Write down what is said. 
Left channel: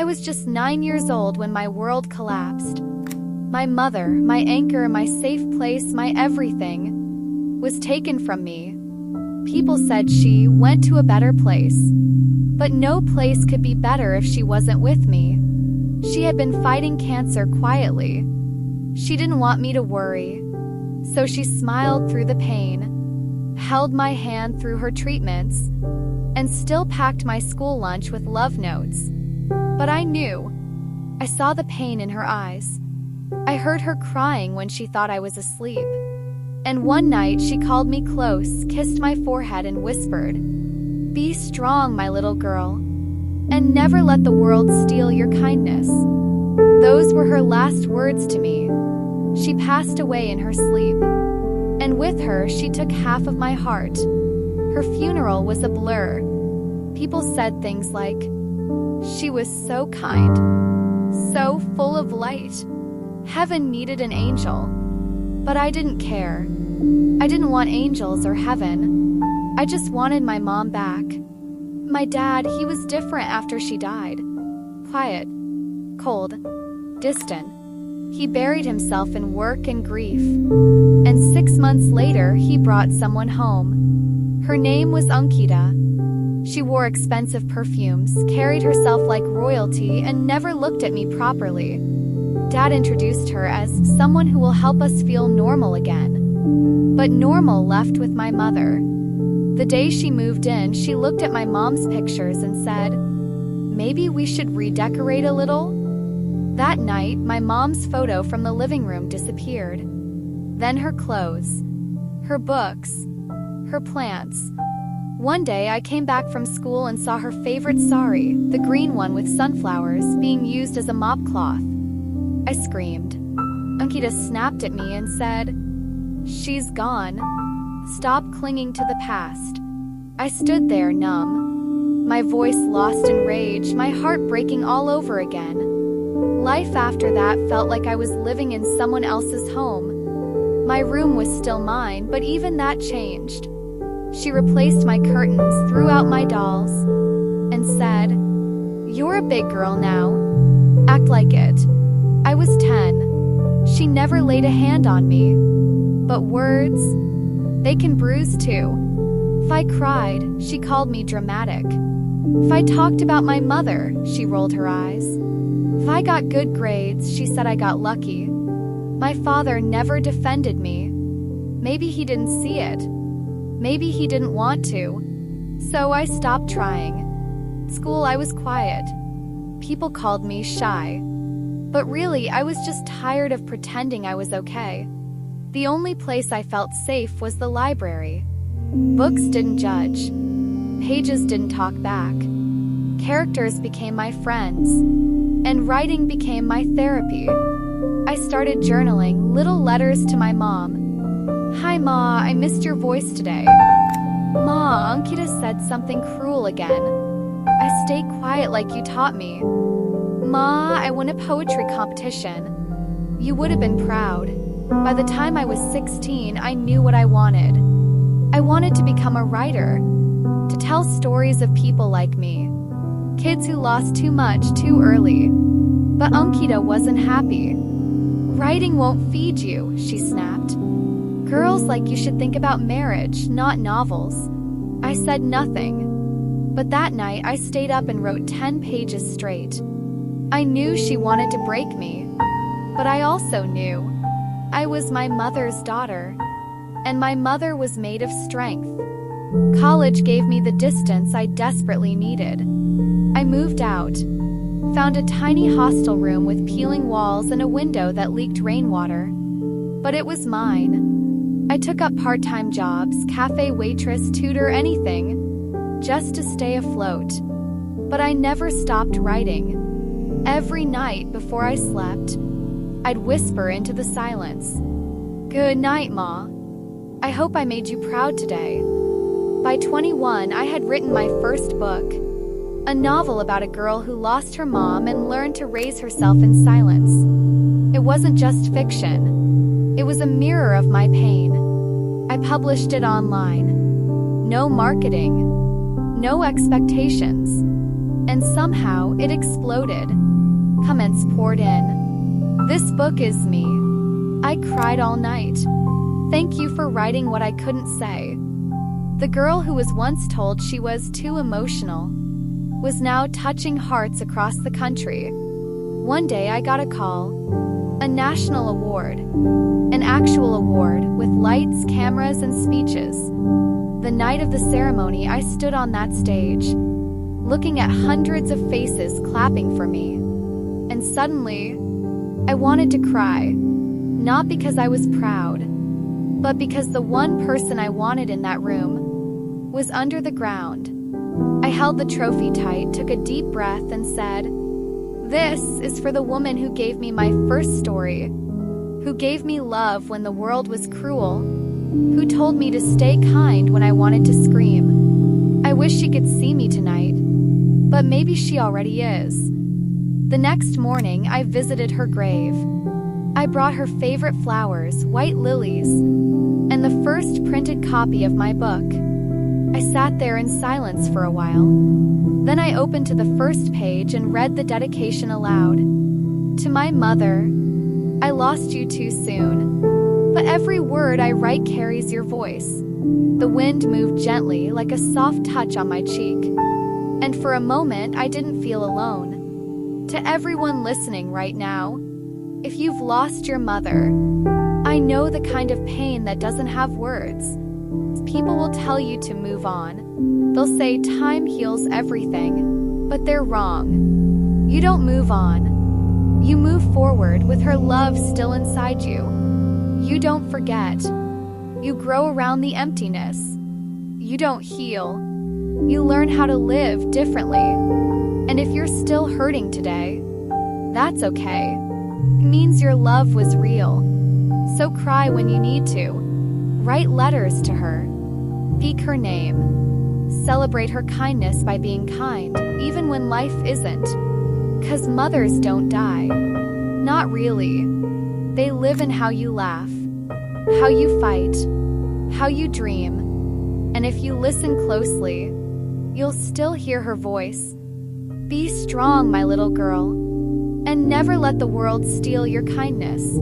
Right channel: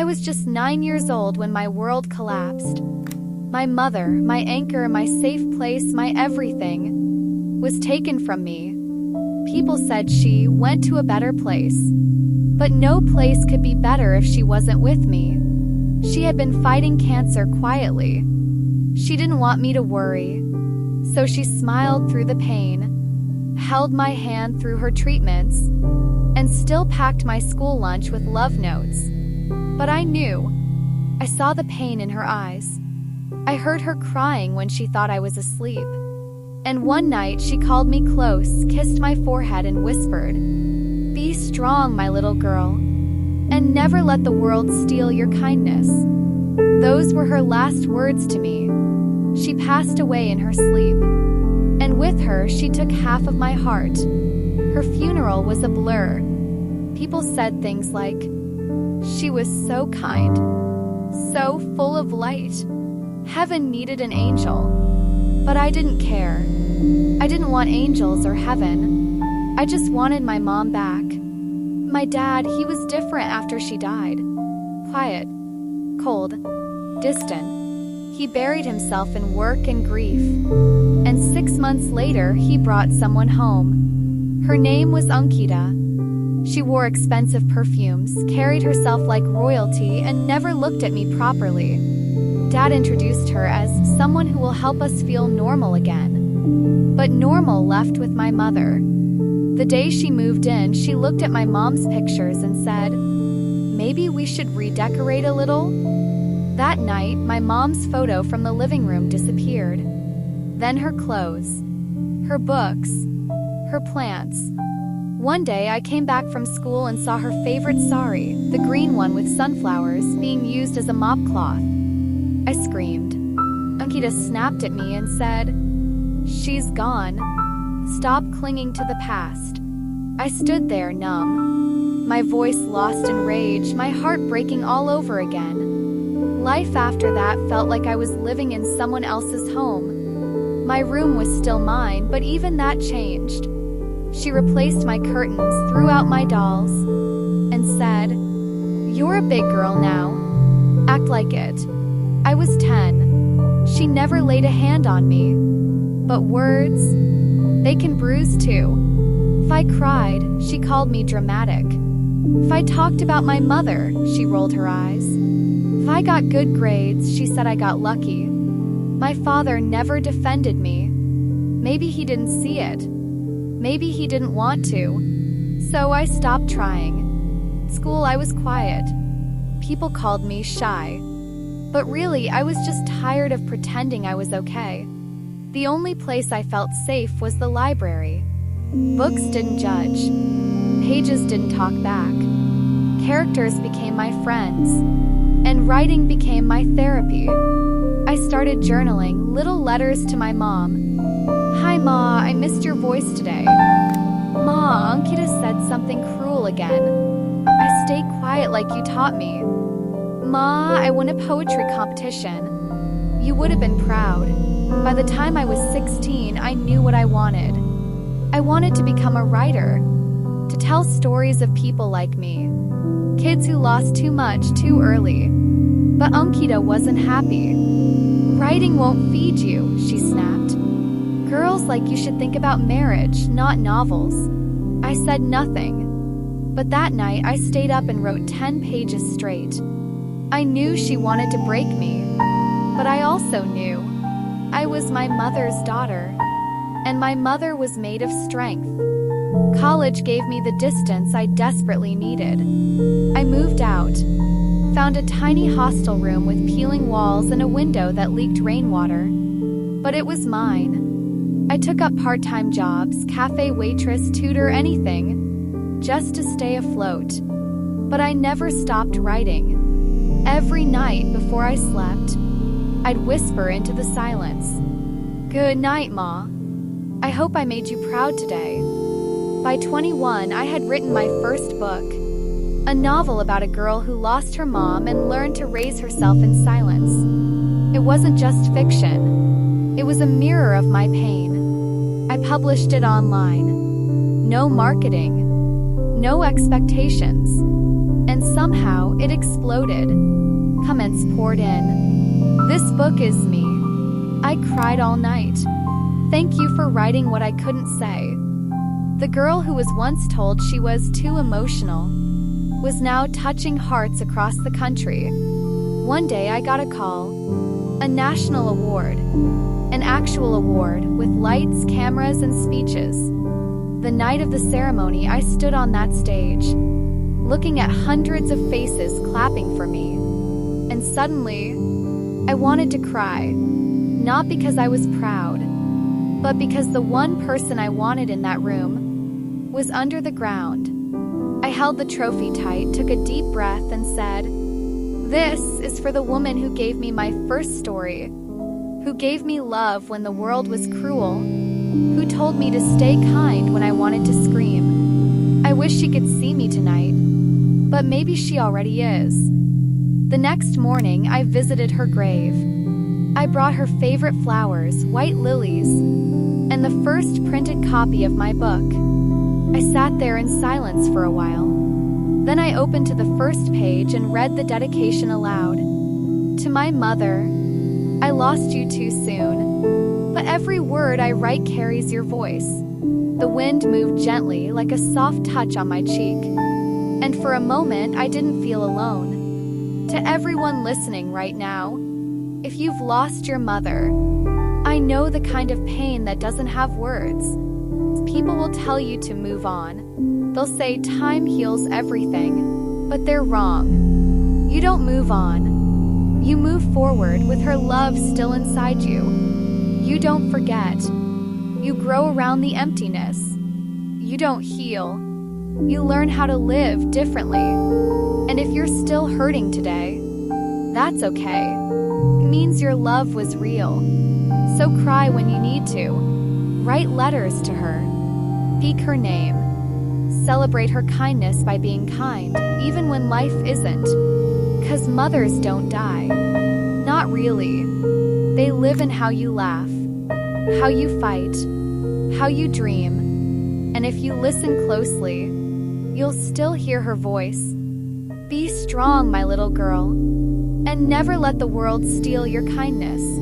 I was just 9 years old when my world collapsed. My mother, my anchor, my safe place, my everything, was taken from me. People said she went to a better place. But no place could be better if she wasn't with me. She had been fighting cancer quietly. She didn't want me to worry. So she smiled through the pain, held my hand through her treatments, and still packed my school lunch with love notes. But I knew. I saw the pain in her eyes. I heard her crying when she thought I was asleep. And one night she called me close, kissed my forehead, and whispered, "Be strong, my little girl, and never let the world steal your kindness." Those were her last words to me. She passed away in her sleep, and with her she took half of my heart. Her funeral was a blur. People said things like, "She was so kind, so full of light. Heaven needed an angel." But I didn't care. I didn't want angels or heaven. I just wanted my mom back. My dad, he was different after she died. Quiet, cold, distant. He buried himself in work and grief. And 6 months later, he brought someone home. Her name was Ankita. She wore expensive perfumes, carried herself like royalty, and never looked at me properly. Dad introduced her as someone who will help us feel normal again. But normal left with my mother. The day she moved in, she looked at my mom's pictures and said, "Maybe we should redecorate a little?" That night, my mom's photo from the living room disappeared. Then her clothes, her books, her plants. One day I came back from school and saw her favorite sari, the green one with sunflowers, being used as a mop cloth. I screamed. Ankita snapped at me and said, "She's gone. Stop clinging to the past." I stood there numb, my voice lost in rage, my heart breaking all over again. Life after that felt like I was living in someone else's home. My room was still mine, but even that changed. She replaced my curtains, threw out my dolls, and said, "You're a big girl now. Act like it." I was 10. She never laid a hand on me. But words, they can bruise too. If I cried, she called me dramatic. If I talked about my mother, she rolled her eyes. If I got good grades, she said I got lucky. My father never defended me. Maybe he didn't see it. Maybe he didn't want to. So I stopped trying. At school, I was quiet. People called me shy. But really, I was just tired of pretending I was okay. The only place I felt safe was the library. Books didn't judge. Pages didn't talk back. Characters became my friends. And writing became my therapy. I started journaling, little letters to my mom. "Hi, Ma, I missed your voice today." "Ma, Ankita said something cruel again." "I stayed quiet like you taught me." "Ma, I won a poetry competition." "You would have been proud." By the time I was 16, I knew what I wanted. I wanted to become a writer, to tell stories of people like me, kids who lost too much too early. But Ankita wasn't happy. "Writing won't feed you," she snapped. "Girls like you should think about marriage, not novels." I said nothing. But that night, I stayed up and wrote 10 pages straight. I knew she wanted to break me, but I also knew I was my mother's daughter, and my mother was made of strength. College gave me the distance I desperately needed. I moved out, found a tiny hostel room with peeling walls and a window that leaked rainwater. But it was mine. I took up part-time jobs, cafe waitress, tutor, anything, just to stay afloat. But I never stopped writing. Every night before I slept, I'd whisper into the silence, "Good night, Ma. I hope I made you proud today." By 21, I had written my first book, a novel about a girl who lost her mom and learned to raise herself in silence. It wasn't just fiction. It was a mirror of my pain. I published it online. No marketing, no expectations. and somehow it exploded. Comments poured in. "This book is me. I cried all night. Thank you for writing what I couldn't say." The girl who was once told she was too emotional was now touching hearts across the country. One day I got a call. A national award. An actual award with lights, cameras, and speeches. The night of the ceremony, I stood on that stage, looking at hundreds of faces clapping for me. And suddenly, I wanted to cry. Not because I was proud, but because the one person I wanted in that room was under the ground. I held the trophy tight, took a deep breath, and said, "This is for the woman who gave me my first story, who gave me love when the world was cruel, who told me to stay kind when I wanted to scream. I wish she could see me tonight, but maybe she already is." The next morning, I visited her grave. I brought her favorite flowers, white lilies, and the first printed copy of my book. I sat there in silence for a while. Then I opened to the first page and read the dedication aloud. "To my mother, I lost you too soon, but every word I write carries your voice." The wind moved gently like a soft touch on my cheek, and for a moment I didn't feel alone. To everyone listening right now, if you've lost your mother, I know the kind of pain that doesn't have words. People will tell you to move on. They'll say time heals everything, but they're wrong. You don't move on. You move forward with her love still inside you. You don't forget. You grow around the emptiness. You don't heal. You learn how to live differently. And if you're still hurting today, that's okay. It means your love was real. So cry when you need to. Write letters to her. Speak her name. Celebrate her kindness by being kind, even when life isn't. 'Cause mothers don't die. Not really. They live in how you laugh, how you fight, how you dream. And if you listen closely, you'll still hear her voice. Be strong, my little girl, and never let the world steal your kindness.